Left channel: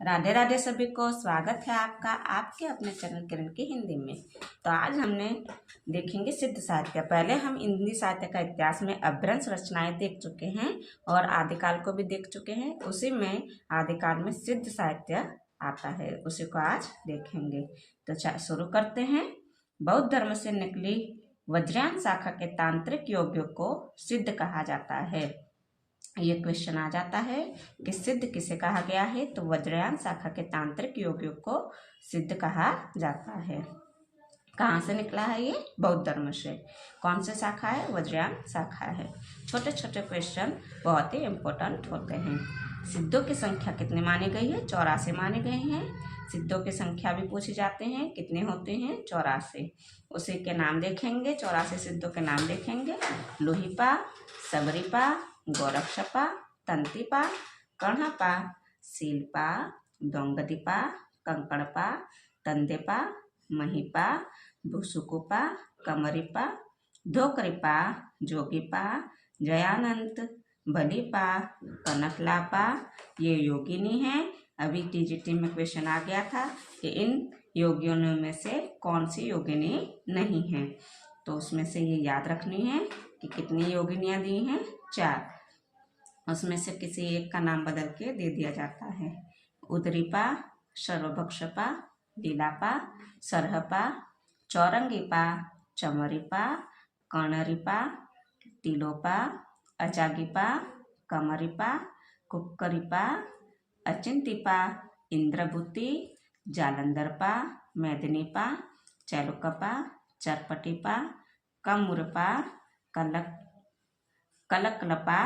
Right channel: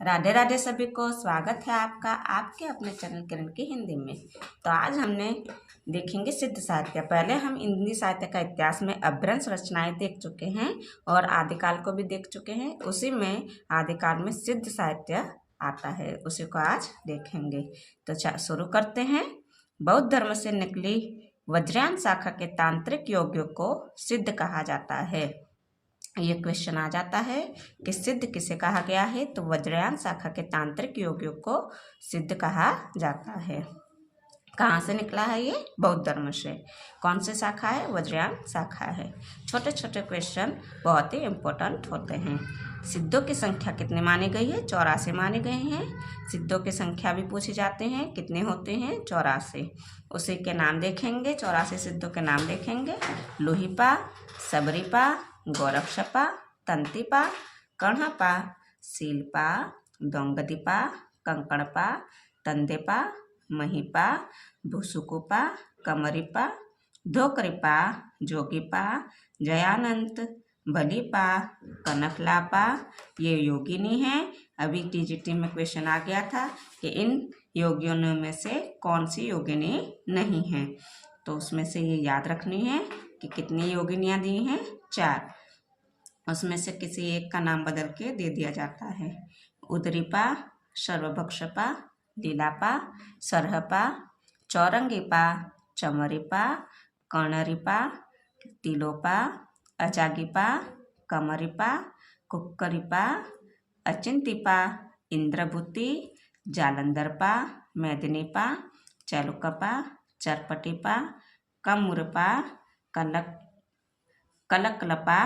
राधे राधे सभी को स्वागत है आपका आपके अपने चैनल किरण की हिंदी में। तो आज हमने देखेंगे सिद्ध साहित्य। पहले हम हिंदी साहित्य का इतिहास में अभ्रंश रचनाएं देख चुके हैं और आदिकाल को भी देख चुके हैं। उसी में आदिकाल में सिद्ध साहित्य आता है, उसी को आज देखेंगे। तो शुरू करते हैं। बौद्ध धर्म से निकली वज्रयान शाखा के तांत्रिक योगियों को सिद्ध कहा जाता है। ये क्वेश्चन आ जाता है कि सिद्ध किसे कहा गया है, तो वज्रयान शाखा के तांत्रिक योगियों को सिद्ध कहा जाता है। कहाँ से निकला है ये? बौद्ध धर्म से। कौन सी शाखा है? वज्रयान शाखा है। छोटे छोटे क्वेश्चन बहुत ही इम्पोर्टेंट होते हैं। सिद्धों की संख्या कितने मानी गई है? 84 माने गए हैं। सिद्धों की संख्या भी पूछे जाते हैं, कितने होते हैं? 84। उसी के नाम देखेंगे, 84 सिद्धों के नाम देखेंगे। लोहीपा, सबरीपा, गोरक्षपा, तंतिपा, कर्णपा, सीलपा, दोंगदीपा, कंकड़पा, तंदेपा, महिपा, भूसुकुपा, कमरिपा, धोकरिपा, जोगीपा, जयानंत, बलीपा, कनकलापा, ये योगिनी हैं। अभी टीजीटी में क्वेश्चन आ गया था कि इन योगियों में से कौन सी योगिनी नहीं है, तो उसमें से ये याद रखनी है कि कितनी योगिनियाँ दी हैं? 4। उसमें से किसी एक का नाम बदल के दे दिया जाता है। उदरीपा, सर्वभक्षपा, लीलापा, सरहपा, चौरंगीपा, चमरीपा, कर्णरीपा, तिलोपा, अजागीपा, कमरीपा, कुक्करीपा, अचिंतीपा, इंद्रभूति, जालंधरपा, मेदिनीपा, चैलुकपा, चरपटीपा, कमुरपा, कलकलपा,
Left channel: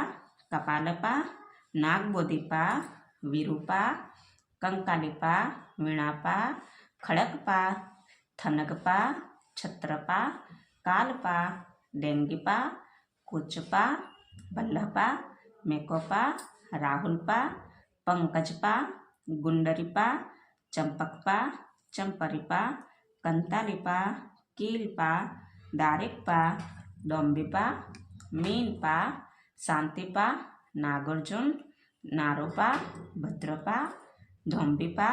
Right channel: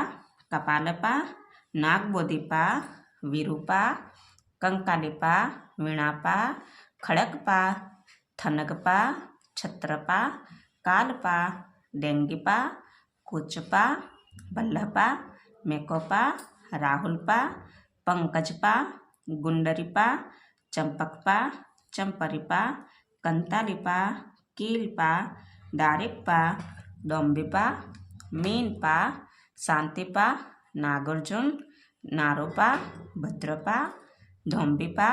कपालपा, नागबोधिपा, विरूपा, कंकालिपा, वीणापा, खड़कपा, थनगपा, छत्रपा, कालपा, डेंगीपा, कुचपा, बल्लभपा, मेकोपा, राहुलपा, पंकजपा, गुंडरीपा, चंपकपा, चंपरीपा, कंतालिपा, कीलपा, दारिकपा, डोंबिपा, मीनपा, शांतिपा, नागार्जुन, नारोपा, भद्रपा, धोम्बिपा,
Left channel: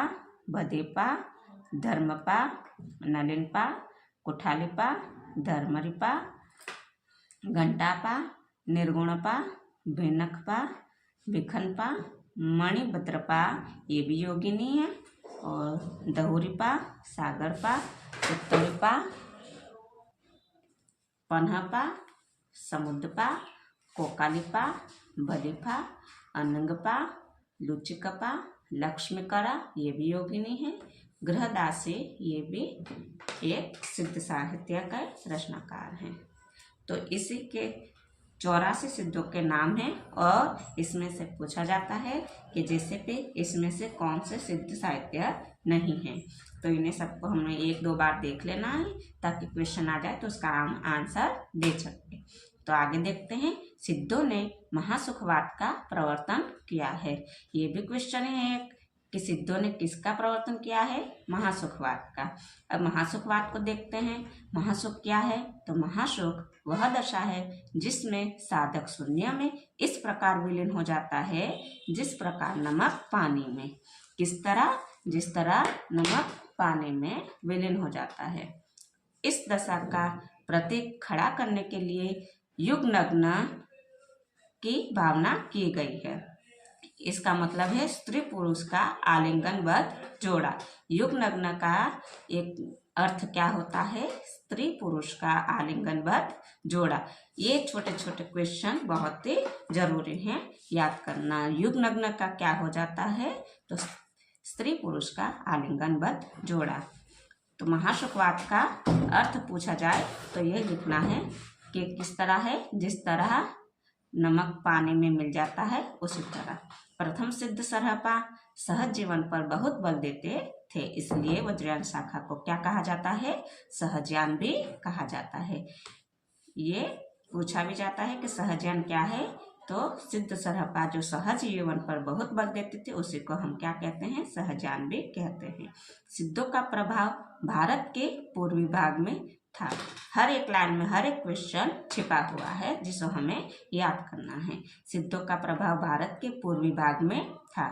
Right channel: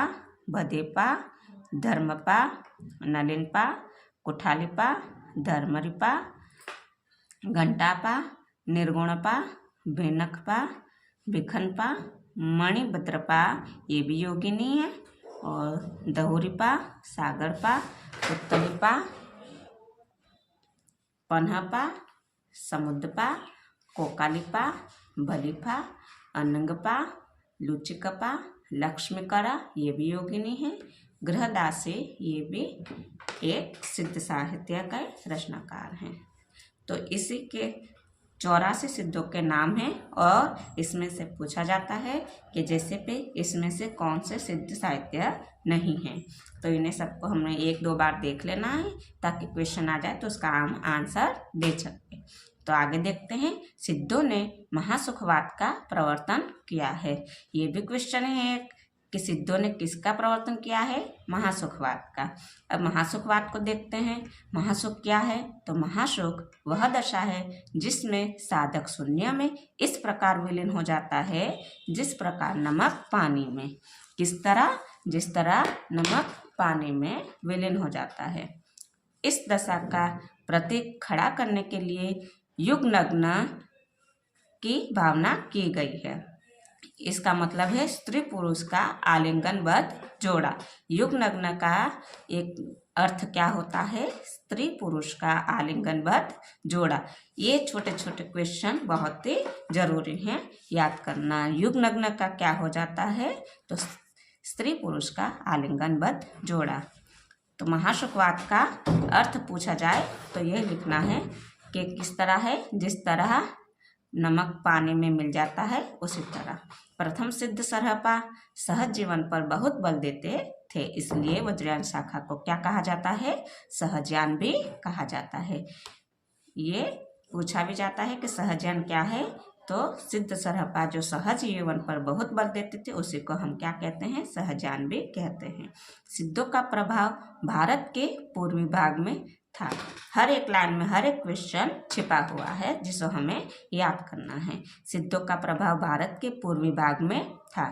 भदेपा, धर्मपा, नलिनपा, कुठालिपा, धर्मरिपा, घंटापा, निर्गुणपा, भेनकपा, भिखनपा, मणिभद्रपा, ये भी योगिनी है। और दहुरीपा, सागरपा, उत्तरीपा, पन्हपा, समुद्रपा, कोकालिपा, बलिपा, अनंगपा, लुचिकपा, लक्ष्मीकरा, ये भी योगिनी है। गृहदासी, ये भी एक सिद्ध साहित्य का रचनाकार हैं। तो इसी के 84 सिद्धों के नाम हैं और इसमें से पूछा जाता है कि जैसे पे इसमें से कौन से सिद्ध साहित्य नहीं है। तो इन्हें सबको हमने 1-2 बार देख लेना है ताकि क्वेश्चन आ जाए तो उसका आंसर दे सके। तो आगे देखते हैं। सिद्धों ने महासुखवाद का प्रवर्तन किया है। ये भी क्वेश्चन है कि सिद्धों ने किसका प्रवर्तन किया है? महासुखवाद का। अब महासुखवाद को देखते हैं। महासुख क्या है? तो महासुख वह दशा है जिसमें साधक शून्य में इस प्रकार विलीन हो जाता है जिस प्रकार नमक पानी में। किस तरह? जिस तरह नमक पानी में विलीन हो जाता है। इस दशा का प्रतीक खड़ा करने के लिए युगनग्न की भावना की गई है। इसका मतलब है स्त्री पुरुष का आलिंगनबद्ध जोड़ा। युगनग्न का एक अर्थ क्या होता है? स्त्री पुरुष का आलिंगनबद्ध जोड़ा। ये छोटे छोटे क्वेश्चन बहुत ही जरूरी हैं याद करना। युगनग्न का क्या हो जाता है? तो स्त्री पुरुष का आलिंगनबद्ध जोड़ा। तो महासुखवाद का अर्थ पूछा जाए तो ये लिखना है कि किस तरह है? जिस तरह नमक पानी में मिल जाता है उसी तरह। प्रथम सिद्ध सरहपा सहज जीवन पर बहुत बल देते थे, इसलिए वज्रयान शाखा को क्या कहा जाता है? सहजयान भी कहा जाता है। ये पूछा भी जाता है कि सहजयान क्या है? तो सिद्ध सरहपा जो सहज जीवन पर बहुत बल देते थे उसी को हम क्या कहते हैं? सहजयान भी कहते हैं। सिद्धों का प्रभाव भारत के पूर्वी भाग में था। हर एक लाइन में हर एक क्वेश्चन छिपा हुआ है जिसको हमें याद करना है। सिद्धों का प्रभाव भारत के पूर्वी भाग में था।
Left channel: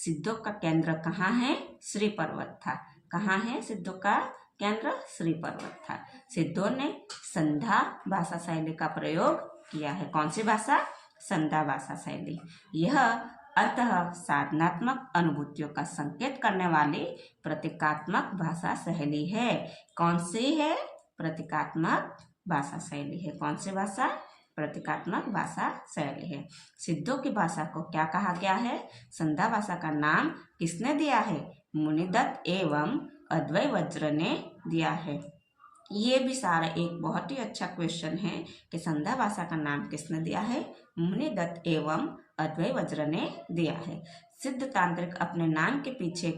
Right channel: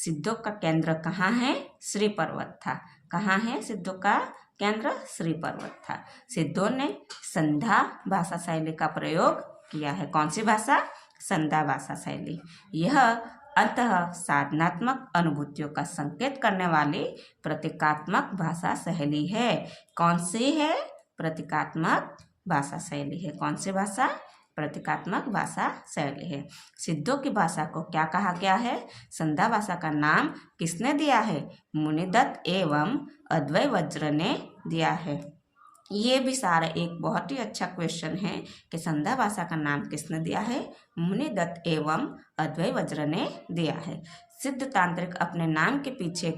सिद्धों का केंद्र कहाँ है? श्री पर्वत था। कहाँ है सिद्धों का केंद्र? श्री पर्वत था। सिद्धों ने संध्या भाषा शैली का प्रयोग किया है। कौन सी भाषा? संध्या भाषा शैली। यह अंतः साधनात्मक अनुभूतियों का संकेत करने वाली प्रतीकात्मक भाषा शैली है। कौन सी है? प्रतीकात्मक भाषा शैली है। कौन सी भाषा? प्रतीकात्मक भाषा शैली है। सिद्धों की भाषा को क्या कहा गया है? संध्या भाषा का नाम किसने दिया है? मुनिदत्त एवं अद्वै वज्र ने दिया है। ये भी सारा एक बहुत ही अच्छा क्वेश्चन है कि संध्या भाषा का नाम किसने दिया है? मुनिदत्त एवं अद्वै वज्र ने दिया है। सिद्ध तांत्रिक अपने नाम के पीछे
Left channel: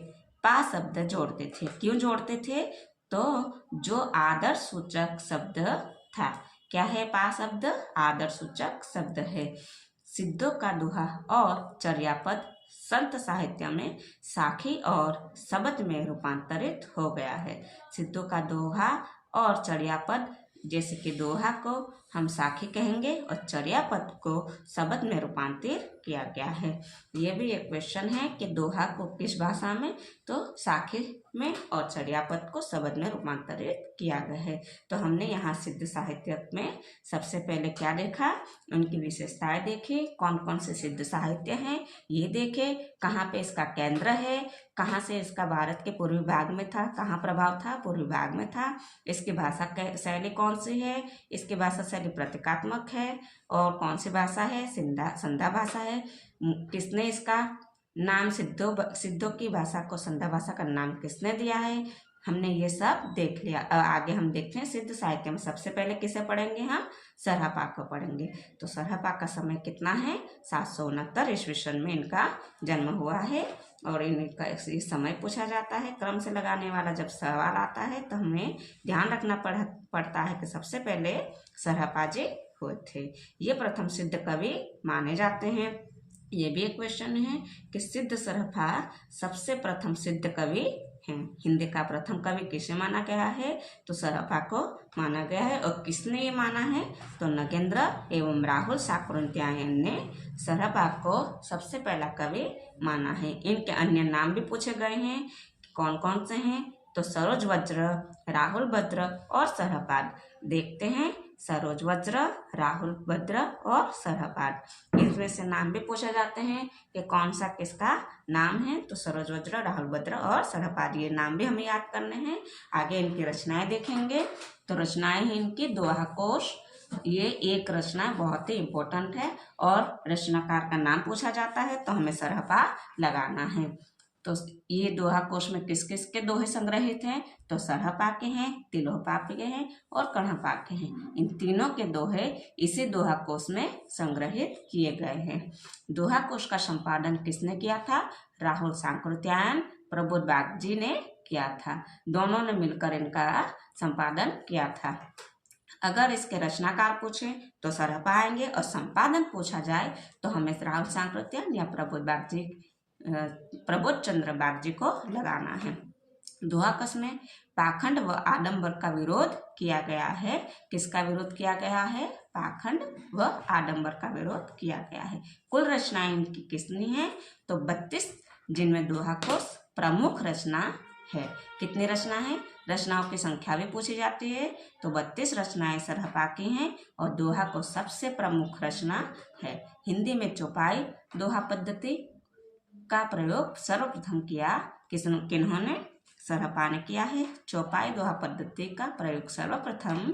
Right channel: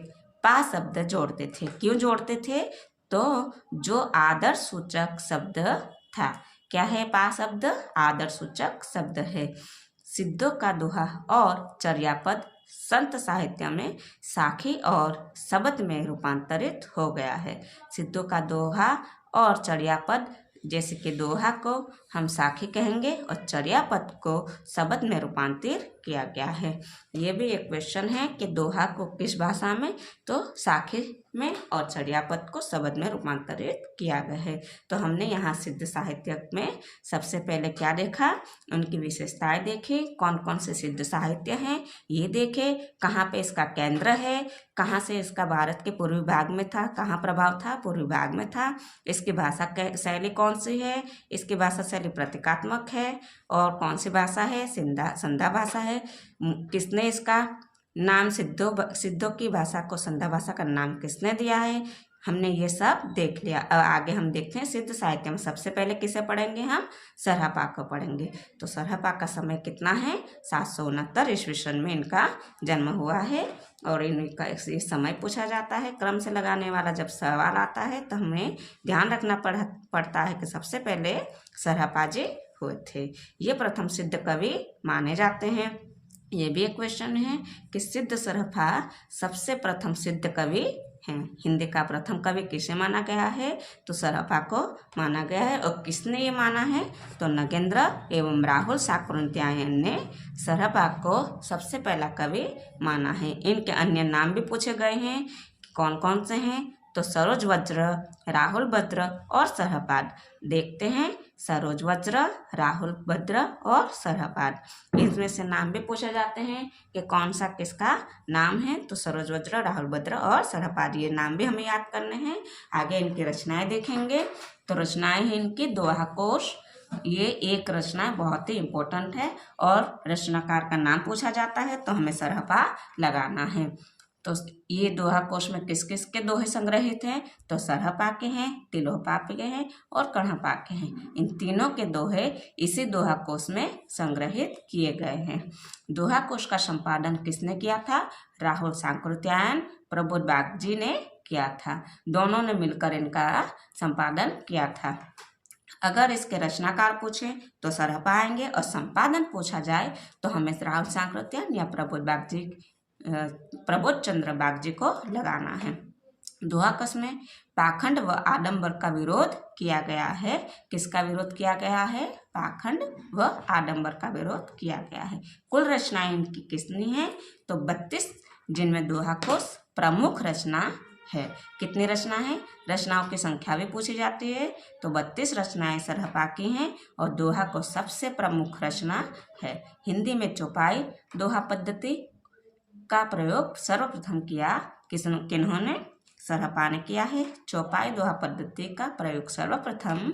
पा शब्द जोड़ते थे। क्यों जोड़ते थे? तो जो आदर सूचक शब्द था। क्या है पा शब्द? आदर सूचक शब्द है। सिद्धों का दोहा और चर्यापद संत साहित्य में साखी और शब्द में रूपांतरित हो गया है। सिद्धों का दोहा और चर्यापद, जैसे कि दोहा को हम साखी कहेंगे और चर्यापद को शब्द में रूपांतरित किया गया है। ये भी एक क्वेश्चन है कि दोहा को किस भाषा में? तो साखी में, और चर्यापद को शब्द में रूपांतरित किया गया है। तो हमने यहाँ सिद्ध साहित्य में सबसे पहले क्या देखा? उनकी विशेषताएं देखी। कौन कौन से सिद्ध साहित्य हैं ये देखे। कहाँ पे इसका केंद्र है, कहाँ से इसका भारत के पूर्वी भाग में था, कहाँ प्रभाव था? पूर्वी भाग में था। इसकी भाषा शैली कौन सी है? इसकी भाषा शैली प्रतीकात्मक है। और कौन सी भाषा है? संध्या भाषा है। किसने इसका नाम सिद्धों की भाषा को संध्या भाषा का नाम किसने दिया है? हमने ये सब देख लिया। आगे हम देखते हैं सिद्ध साहित्य में। सबसे पहले किसे पढ़ेंगे हम? सरहपा को पढ़ेंगे। तो सरहपा का समय कितना है? 769 ईस्वी सन में इनका जन्म हुआ है। और इनका इस समय पूछा जाता है। क्रम से लगाने वाला जब सवाल आता है तो हमें ध्यान रखना पड़ता है कि सबसे पहले सरहपा जी हुए थे। ये प्रथम सिद्ध कवि माने जाते हैं। ये भी एक क्वेश्चन है कि सिद्ध सरहपा सबसे प्रथम सिद्ध कवि हैं। हिंदी का प्रथम कवि किसे माना गया है? तो सरहपा को माना गया है। और किसने ये माना है? तो नगेंद्र एवं राहुल शाकुंतलायन ने सरहपा को सबसे पहला कवि माना है। इनके अन्य नाम भी पूछे गए हैं। कौन कौन से हैं? तो सरोज वज्र, राहुल भद्र और सरहपाद। देखते हैं। सरोज वज्र, राहुल भद्र और सरहपाद। इसमें से नाम भी पूछे जाते हैं कि कौन सा किसका नाम है? तो सरोज वज्र, राहुल भद्र और सरहपाद। ये नाम भी हमें याद करने हैं। आगे इनकी रचनाएं देखेंगे। तो रचनाएं हैं इनकी दोहा कोश। ये एक रचना बहुत ही इम्पोर्टेंट है और रचनाकार का नाम पूछा जाता है तो हमें सरहपा लगाना है। तो ये दोहा कोश में किस किस के दोहे संग्रहित हैं? तो सरहपा के हैं, तिलोपा के हैं और कण्हपा के हैं। इन तीनों के दोहे इसी दोहा कोश में संग्रहित किए गए हैं। दोहा कोश का संपादन किसने किया था? राहुल शाकुंतलायन, प्रबोध बागजी ने किया था। दोनों ने मिलकर इनका संपादन किया था। अगर इसके रचनाकार पूछे तो सरहपा आएंगे और संपादन पूछा जाए तो हमें राहुल शाकुंतलायन या प्रबोध चंद्र बागजी को लगाना है। दोहा कोश में पाखंड व आडंबर का विरोध किया गया है। किसका विरोध किया गया है? पाखंड व आडंबर का विरोध किया गया है। कुल रचनाएं इनकी कितनी है? तो 32, जिनमें दोहा कोश प्रमुख रचना है। कितनी रचना है? रचनाओं की संख्या भी पूछी जाती है। तो 32 रचनाएं सरहपा की हैं और दोहा कोश सबसे प्रमुख रचना है। हिंदी में चौपाई दोहा पद्धति का प्रयोग सर्वप्रथम किया किन्होंने? सरहपा ने किया है। चौपाई दोहा पद्धति का प्रयोग सर्वप्रथम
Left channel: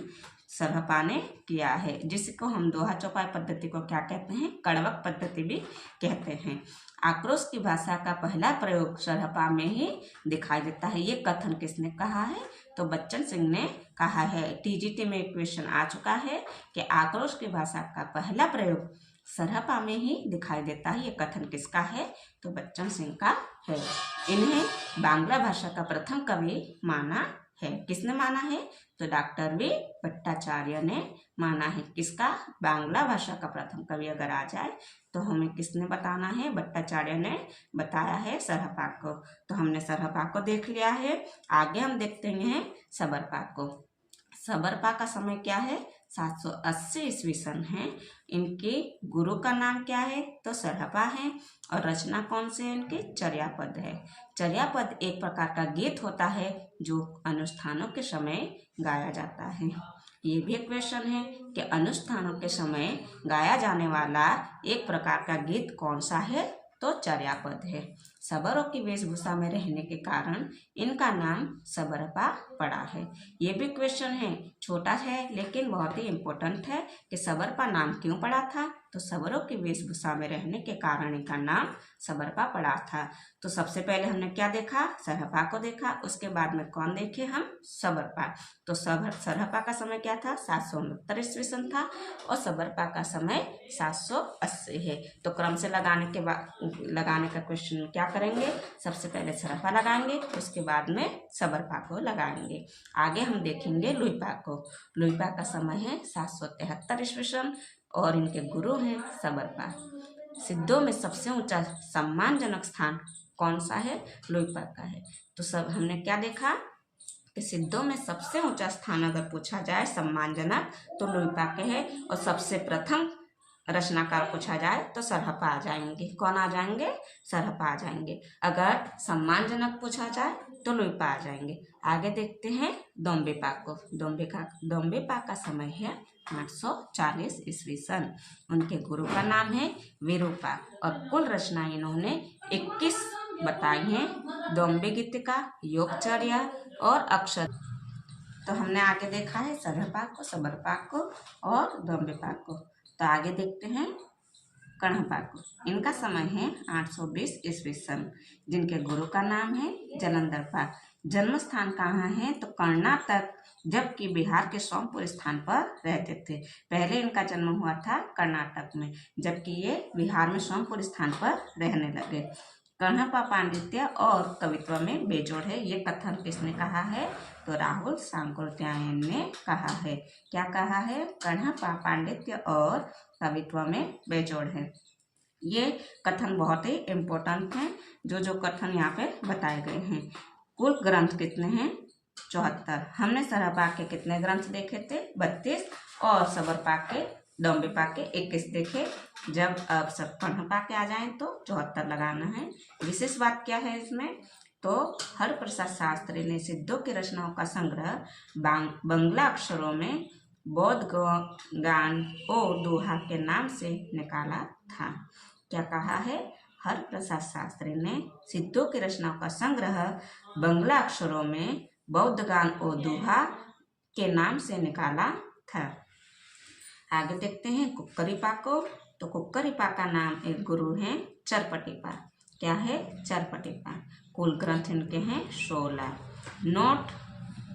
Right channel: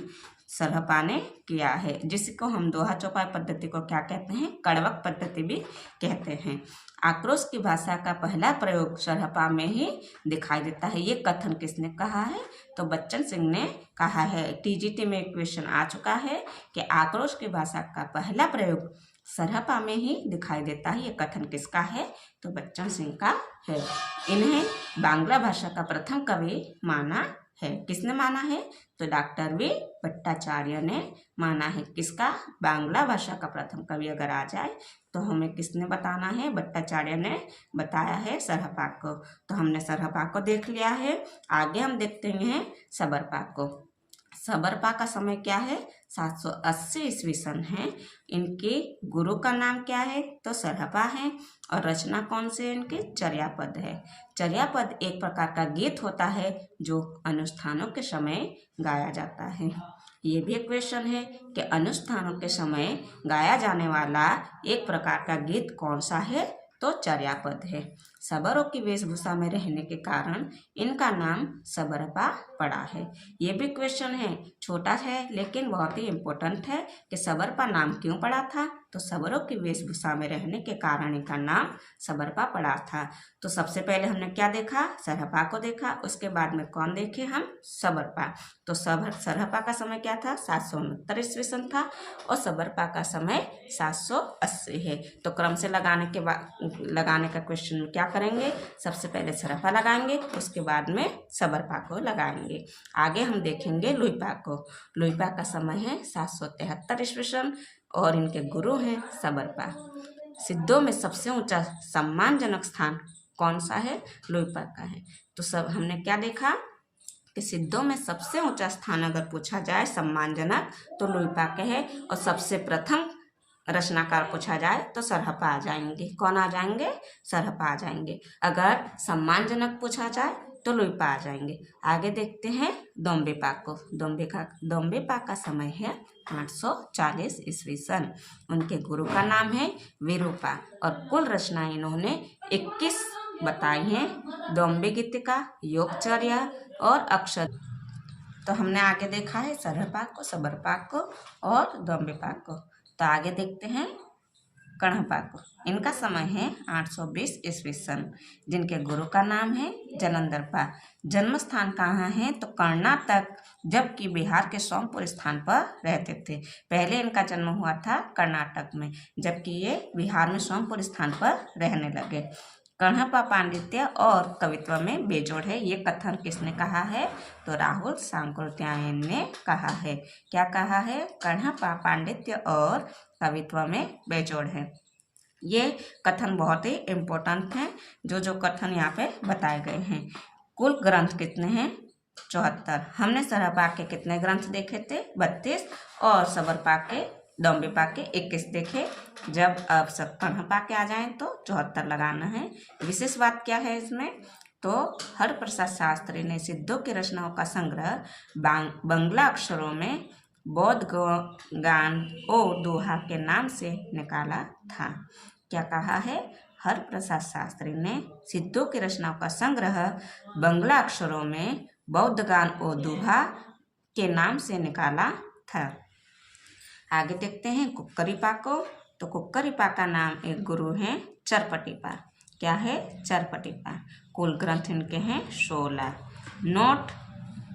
सरहपा ने किया है, जिसको हम दोहा चौपाई पद्धति को क्या कहते हैं? कड़वक पद्धति भी कहते हैं। आक्रोश की भाषा का पहला प्रयोग सरहपा में ही दिखाई देता है। ये कथन किसने कहा है? तो बच्चन सिंह ने कहा है। टीजीटी में एक क्वेश्चन आ चुका है कि आक्रोश की भाषा का पहला प्रयोग सरहपा में ही दिखाई देता है। ये कथन किसका है? तो बच्चन सिंह का है। इन्हें बांग्ला भाषा का प्रथम कवि माना है। किसने माना है? तो डॉक्टर वी भट्टाचार्य ने माना है। किसका? बांग्ला भाषा का प्रथम कवि अगर आ जाए तो हमें किसने बताना है? भट्टाचार्य ने बताया है सरहपा को। तो हमने सरहपा को देख लिया है। आगे हम देखते हैं सबरपा को। सबरपा का समय क्या है? 780 ईस्वी सन है। इनके गुरु का नाम क्या है? तो सरहपा है। और रचना कौन से है इनके? चर्यापद है। चर्यापद एक प्रकार का गीत होता है जो अनुष्ठानों के समय गाया जाता है। ये भी एक क्वेश्चन है कि अनुष्ठानों के समय गाया जाने वाला एक प्रकार का गीत कौन सा है? तो चर्यापद है। सबरों की वेशभूषा में रहने के कारण इनका नाम सबरपा पड़ा है। ये भी क्वेश्चन है, छोटा है लेकिन बहुत ही इम्पोर्टेंट है कि सबरपा नाम क्यों पड़ा था? तो सबरों की वेशभूषा में रहने के कारण इनका नाम सबरपा पड़ा था। तो सबसे पहले हमने क्या देखा? सरहपा को देखा। उसके बाद में कौन देखे हम? सबरपा। तो सरहपा का समय क्या था? 769 ईस्वी सन था और सबरपा का समय 780 है। तो क्रम से लगाने का क्वेश्चन में क्या करेंगे? सबसे पहले सरहपा लगाएंगे, उसके बाद में सबरपा को लगाएंगे। आगे हम देखेंगे लुइपा को। लुइपा का समय है 773 ईस्वी सन और इनके गुरु हैं सबरपा। सिद्धों में सबसे ऊंचा सम्मानजनक स्थान कौन सा है? लुइपा का है। तो सब हमने क्या देखा कि सिद्धों में सबसे ऊंचा स्थान अगर पूछा जाए सम्मानजनक तो लुइपा के है। और सबसे प्रथम रचनाकार पूछा जाए तो सरहपा आ जाएंगे। कौन आ जाएंगे? सरहपा आ जाएंगे। अगर सम्मानजनक पूछा जाए तो लुइपा आ जाएंगे। आगे देखते हैं दोम्बेपा को। दोम्बेपा का समय है 840 ईस्वी सन। उनके गुरु का नाम है विरूपा और कुल रचनाएं इन्होंने 21 बताई हैं। दोम्बे गीतिका, योगचर्या और अक्षर। तो हमने आगे देखा है सरहपा को, सबरपा को और दोम्बेपा को। तो आगे देखते हैं कण्हपा को। इनका समय है 820 ईस्वी सन। जिनके गुरु का नाम है जलंधरपा। जन्म स्थान कहाँ है? तो कर्नाटक, जबकि बिहार के सोमपुर स्थान पर रहते थे। पहले इनका जन्म हुआ था कर्नाटक में, जबकि ये बिहार में सोमपुर स्थान पर रहने लगे। कण्हपा पांडित्य और कवित्व में बेजोड़ है। ये कथन किसने कहा है? तो राहुल सांकृत्यायन ने कहा है। क्या कहा है? कण्हपा पांडित्य और कवित्व में बेजोड़ है। ये कथन बहुत ही इम्पोर्टेंट हैं। जो कथन यहाँ पे बताए गए हैं। कुल ग्रंथ कितने हैं? 74। हमने सरहपा के कितने ग्रंथ देखे थे? 32 और सबरपा के, दोम्बेपा के 21 देखे। जब अब सब कण्हपा के आ जाएं तो 74 लगाना है। विशेष बात क्या है इसमें? तो हरप्रसाद शास्त्री ने सिद्धों की रचनाओं का संग्रह बंगला अक्षरों में बौद्ध गान ओ दोहा के नाम से निकाला था। क्या कहा है? हरप्रसाद शास्त्री ने सिद्धों की रचनाओं का संग्रह बंगला अक्षरों में बौद्ध गान ओ दोहा के नाम से निकाला था। आगे देखते हैं कुक्करीपा को। तो कुक्करीपा का नाम एक गुरु हैं चरपटिपा। क्या है? चरपटिपा। कुल ग्रंथ इनके हैं 16।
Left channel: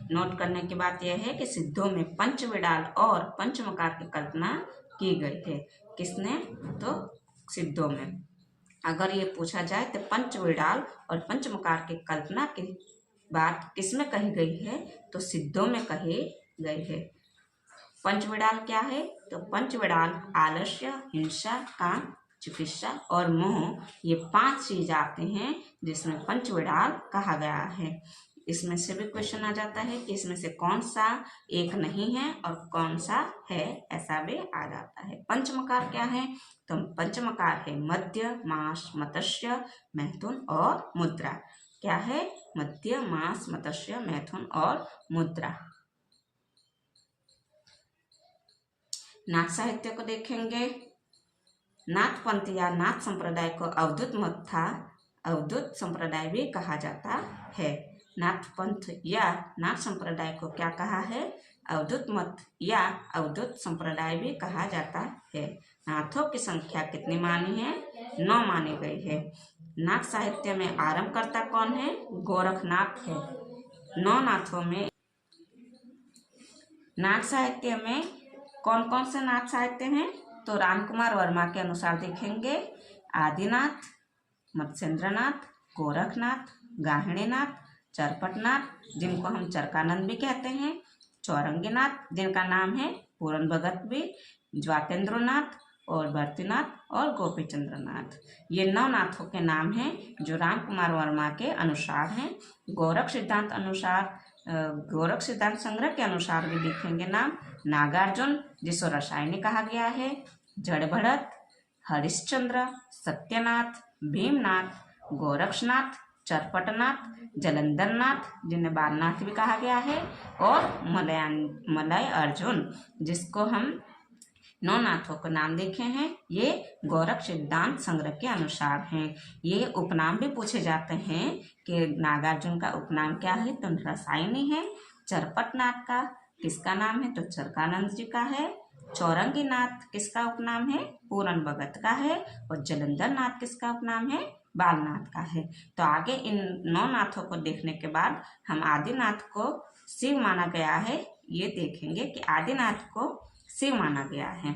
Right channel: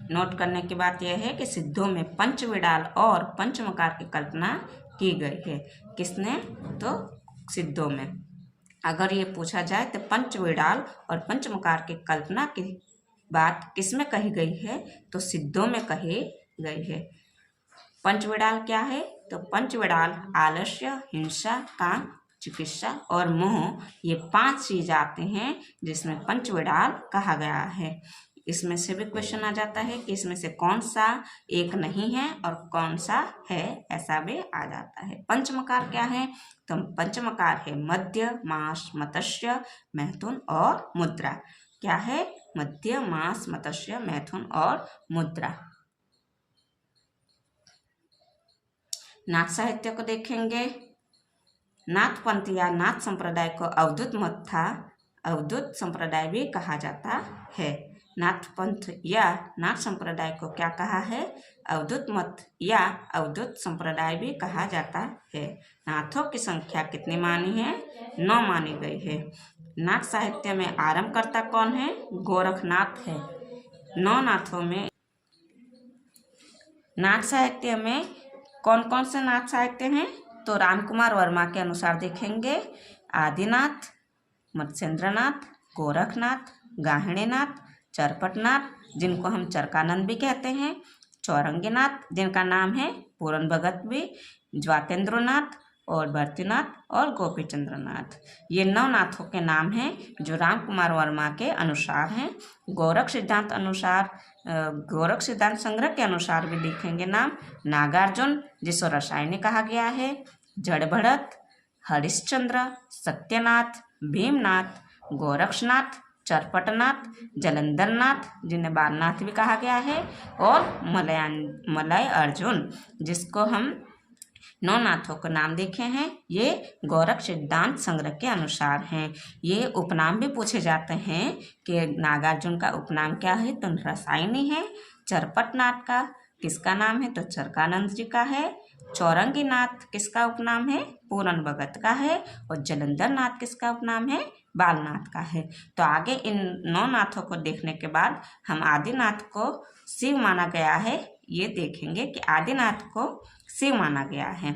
नोट करने की बात यह है कि सिद्धों में पंचविडाल और पंचमकार की कल्पना की गई है। किसने? तो सिद्धों में। अगर ये पूछा जाए तो पंचविडाल और पंचमकार की कल्पना की बात किसमें कही गई है? तो सिद्धों में कही गई है। पंचविडाल क्या है? तो पंचविडाल आलस्य, हिंसा, काम, चिकित्सा और मोह, ये 5 चीज आते हैं जिसमें पंचविडाल कहा गया है। इसमें से भी क्वेश्चन आ जाता है कि इसमें से कौन सा एक नहीं है और कौन सा है, ऐसा भी आ जाता है। पंचमकार क्या है? तो पंचमकार है मध्य, मास, मत्स्य, मैथुन और मुद्रा। क्या है? मध्य, मास, मत्स्य, मैथुन और मुद्रा। नाथ साहित्य को देखेंगे। नाथ पंथ या नाथ संप्रदाय को अवधूत मत था, अवधूत संप्रदाय भी कहा जाता है। नाथ पंथ या नाथ संप्रदाय को क्या कहा है? अवधूत मत या अवधूत संप्रदाय भी कहा जाता है। नाथों की संख्या कितनी मानी है? 9 मानी गई है। नाथ साहित्य में आरंभकर्ता कौन है? गोरखनाथ है। 9 नाथों में नाथ साहित्य में कौन कौन से नाथ साहित्य हैं? तो रामकुमार वर्मा के अनुसार देखेंगे आदिनाथ, मत्स्येंद्रनाथ, गोरखनाथ, गाहिणीनाथ, चरपटनाथ, जिनको हम चरकानंद भी कहते हैं, चौरंगीनाथ, जिनका नाम है पूरन भगत भी, ज्वातेंद्रनाथ, और भर्तृनाथ और गोपी चंद्र नाथ। ये 9 नाथों के नाम हैं जो राम कुमार वर्मा के अनुसार हैं। गोरख सिद्धांत अनुसार गोरख सिद्धांत संग्रह के अनुसार भी लिखेंगे नाम। नागार्जुन जिसको रसायनी कहा गया है, जड़भरत, हरिश्चंद्र, सत्यनाथ, भीमनाथ, गोरक्षनाथ, चरपटनाथ, जलंधरनाथ जिन्हें बालनाथ भी कहा गया है, और मलय अर्जुन जिसको हम 9 नाथों के नाम देखे हैं। ये गोरख सिद्धांत संग्रह के अनुसार हैं। ये उपनाम भी पूछे जाते हैं कि नागार्जुन का उपनाम क्या है, तो रसायनी है। चरपटनाथ का किसका नाम है, तो चरकानंद जी का है। चौरंगी नाथ किसका उपनाम है, पूरन भगत का है। और जलंधर नाथ किसका उपनाम है, बालनाथ का है। तो आगे इन 9 नाथों को देखने के बाद हम आदिनाथ को शिव माना गया है, ये देखेंगे कि आदिनाथ को शिव माना गया है।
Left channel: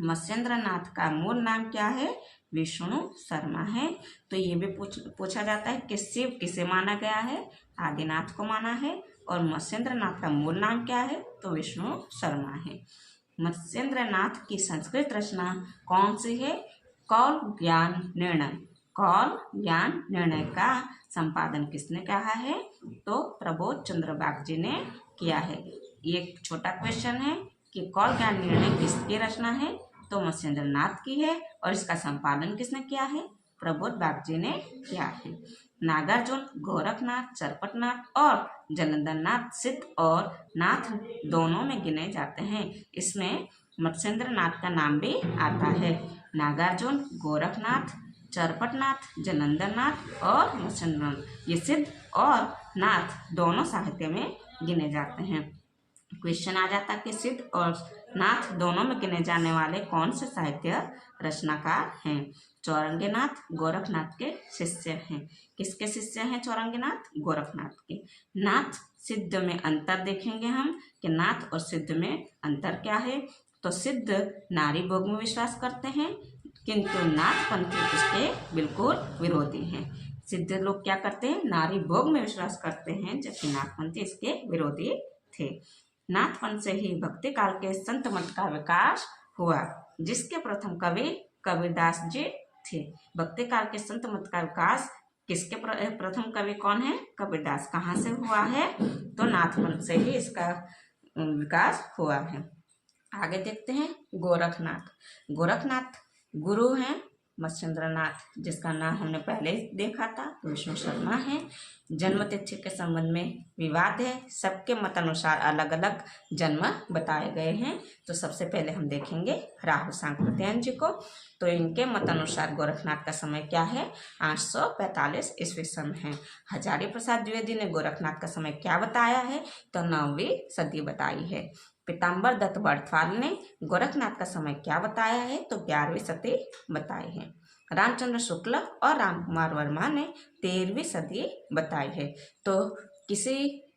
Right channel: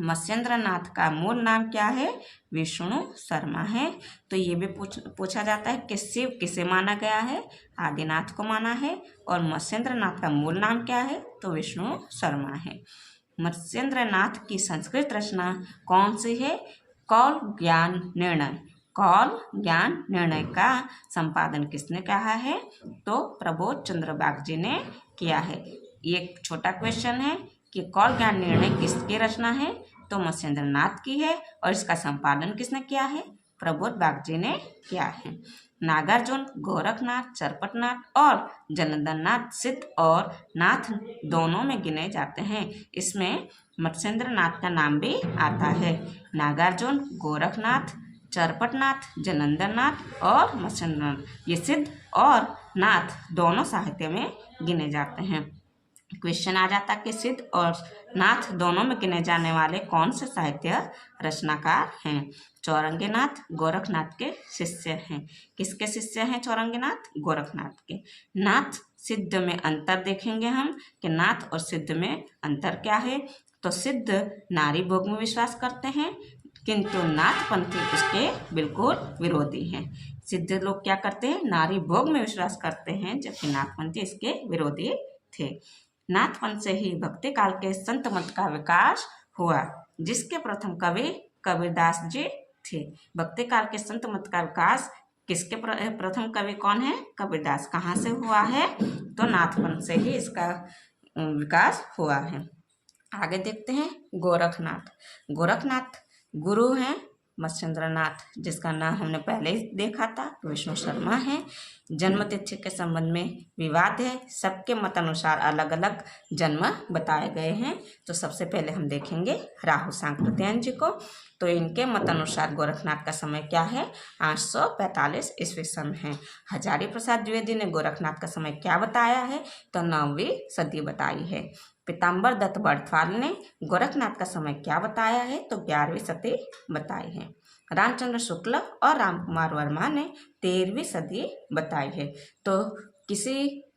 मत्स्येंद्र नाथ का मूल नाम क्या है, विष्णु शर्मा है। तो ये भी पूछा जाता है कि शिव किसे माना गया है, आदिनाथ को माना है। और मत्स्येंद्र नाथ का मूल नाम क्या है, तो विष्णु शर्मा है। मत्स्येंद्र नाथ की संस्कृत रचना कौन सी है, कौल ज्ञान निर्णय। कौल ज्ञान निर्णय का संपादन किसने कहा है, तो प्रबोध चंद्र बागजी ने किया है। एक छोटा क्वेश्चन है कि कौल ज्ञान निर्णय किसकी रचना है, तो मत्स्येंद्र नाथ की है। और इसका संपादन किसने किया है, प्रबोध बागजी ने किया है। नागार्जुन, गोरखनाथ, चरपटनाथ और जलंधरनाथ सिद्ध और नाथ दोनों में गिने जाते हैं। इसमें मत्स्येंद्र नाथ का नाम भी आता है। नागार्जुन, गोरखनाथ, चरपटनाथ, जलंधरनाथ और मत्स्येंद्रनाथ ये सिद्ध और नाथ दोनों साहित्य में गिने जाते हैं। क्वेश्चन आ जाता कि सिद्ध और नाथ दोनों में गिने जाने वाले कौन से साहित्य रचनाकार हैं। चौरंगीनाथ गोरखनाथ के शिष्य हैं। किसके शिष्य हैं चौरंगीनाथ, गोरखनाथ के। नाथ सिद्ध में अंतर देखेंगे हम कि नाथ और सिद्ध में अंतर क्या है। तो सिद्ध नारी भोग में विश्वास करते हैं, किंतु नाथपंथी उसके बिल्कुल विरोधी हैं। सिद्ध लोग क्या करते हैं, नारी भोग में विश्वास करते हैं, जबकि नाथपंथी इसके विरोधी थे। नाथपंथ से ही भक्ति काल के संत मत का विकास हुआ, जिसके प्रथम कवि कबीरदास जी थे। भक्ति काल के संत मत का विकास किसके प्रथम कवि कौन है, कबीरदास। कहाँ से हुआ है, तो नाथपंथ से ही इसका विकास हुआ है। आगे देखते हैं गोरखनाथ। गोरखनाथ गुरु हैं मत्स्येंद्र नाथ, जिसका नाम हमने पहले देखा था, विष्णु शर्मा है। जन्म तिथि के संबंध में विवाद है, सबके मत अनुसार अलग अलग जन्म बताए गए हैं। तो सबसे पहले हम देखेंगे राहु सांकृत्यायन जी को। तो इनके मत अनुसार गोरखनाथ का समय क्या है, 845 ईस्वी सन है। हजारी प्रसाद द्विवेदी ने गोरखनाथ का समय क्या बताया है, तो 9वीं सदी बताई है। पीताम्बर दत्त बड़थवाल ने गोरखनाथ का समय क्या बताया है, तो 11वीं सदी बताई है। रामचंद्र शुक्ल और रामकुमार वर्मा ने 13वीं सदी बताई है। तो किसी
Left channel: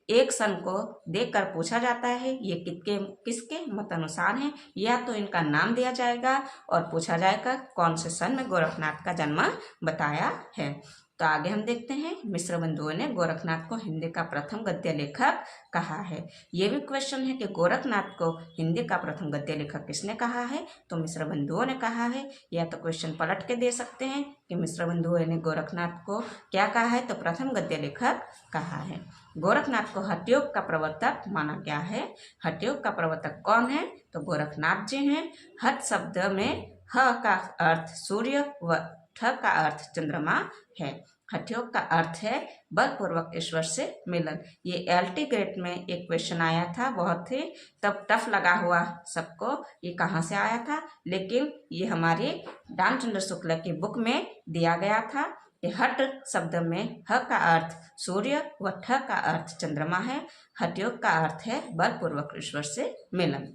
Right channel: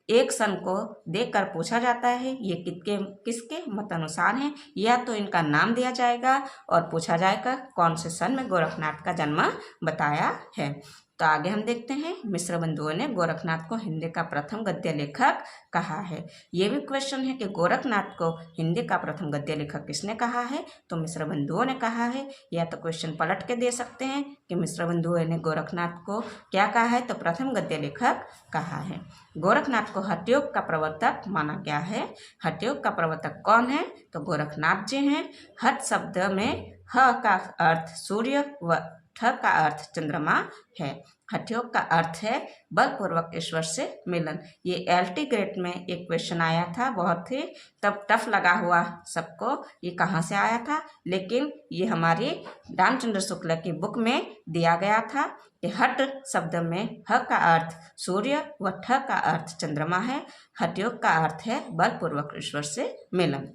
एक सन को देखकर पूछा जाता है ये किसके मत अनुसार हैं, या तो इनका नाम दिया जाएगा और पूछा जाएगा कौन से सन में गोरखनाथ का जन्म बताया है। तो आगे हम देखते हैं मिश्र बंधुओं ने गोरखनाथ को हिंदी का प्रथम गद्य लेखक कहा है। ये भी क्वेश्चन है कि गोरखनाथ को हिंदी का प्रथम गद्य लेखक किसने कहा है, तो मिश्र बंधुओं ने कहा है। या तो क्वेश्चन पलट के दे सकते हैं कि मिश्र बंधुओं ने गोरखनाथ को क्या कहा है, तो प्रथम गद्य लेखक कहा है। गोरखनाथ को हठयोग का प्रवर्तक माना गया है। हठयोग का प्रवर्तक कौन है, तो गोरखनाथ जी हैं। हठ शब्द में ह का अर्थ सूर्य व ठ का अर्थ चंद्रमा है। हठयोग का अर्थ है बलपूर्वक ईश्वर से मिलन। ये LT ग्रेड में एक क्वेश्चन आया था, बहुत ही तब टफ लगा हुआ सबको, ये कहाँ से आया था, लेकिन ये हमारी रामचंद्र शुक्ल की बुक में दिया गया था कि हठ शब्द में ह का अर्थ सूर्य व ठ का अर्थ चंद्रमा है। हठयोग का अर्थ है बलपूर्वक ईश्वर से मिलन।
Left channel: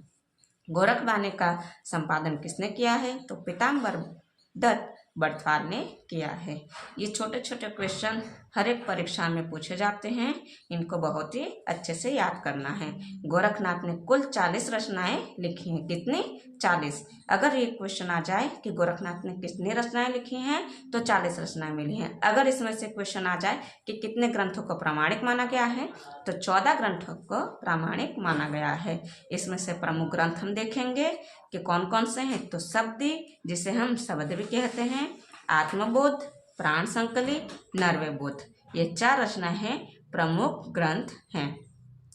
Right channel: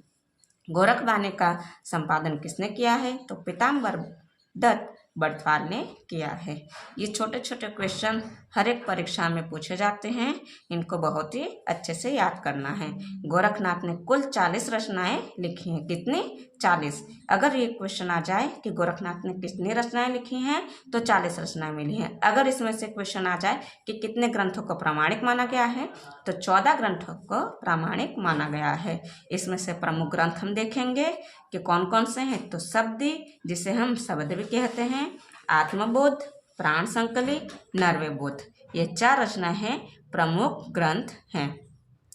गोरखवाणी का संपादन किसने किया है, तो पीताम्बर दत्त बड़थवाल ने किया है। ये छोटे छोटे क्वेश्चन हर एक परीक्षा में पूछे जाते हैं, इनको बहुत ही अच्छे से याद करना है। गोरखनाथ ने कुल 40 रचनाएं लिखी हैं। कितनी? 40। अगर ये क्वेश्चन आ जाए कि गोरखनाथ ने कितनी रचनाएं लिखी हैं, तो 40 रचनाएं मिली हैं। अगर इसमें से क्वेश्चन आ जाए कि कितने ग्रंथों को प्रामाणिक माना गया है, तो 14 ग्रंथों को प्रामाणिक माना गया है। इसमें से प्रमुख ग्रंथ हम देखेंगे कि कौन कौन से हैं। तो शब्दी, जिसे हम शब्द भी कहते हैं, आत्मबोध, प्राण संकली, नरवे बोध, ये 4 रचनाएं हैं, प्रमुख ग्रंथ हैं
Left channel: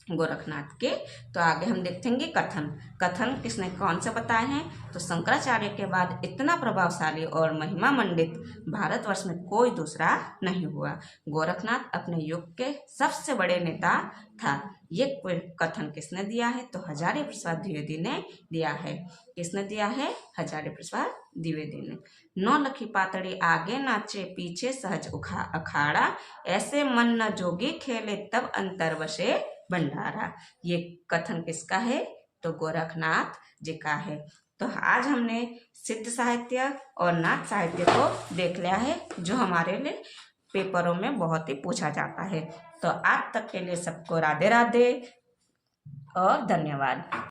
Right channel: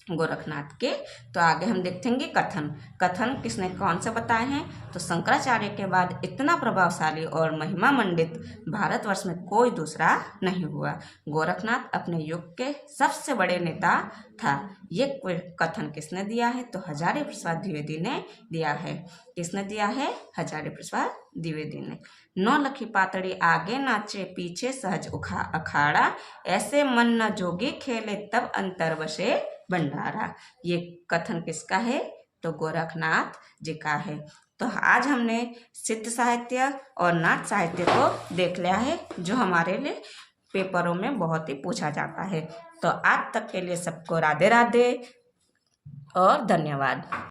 गोरखनाथ के। तो आगे हम देखेंगे कथन। कथन किसने कौन से बताए हैं? तो शंकराचार्य के बाद इतना प्रभावशाली और महिमा मंडित भारतवर्ष में कोई दूसरा नहीं हुआ। गोरखनाथ अपने युग के सबसे बड़े नेता था। ये कथन किसने दिया है? तो हजारी प्रसाद द्विवेदी ने दिया है। किसने दिया है? हजारी प्रसाद द्विवेदी ने। नौ लखी पातड़ी आगे नाचे पीछे सहज अखाड़ा, ऐसे मन न जोगी खेले तब अंतर बसे भंडारा। ये कथन किसका है? तो गोरखनाथ जी का है। तो आज हमने सिद्ध साहित्य और नाथ साहित्य को देख लिया है, जो हमारे लिए पेपरों में बहुत ही पूछा जाता है। तो आज तक के लिए सबको राधे राधे और धन्यवाद।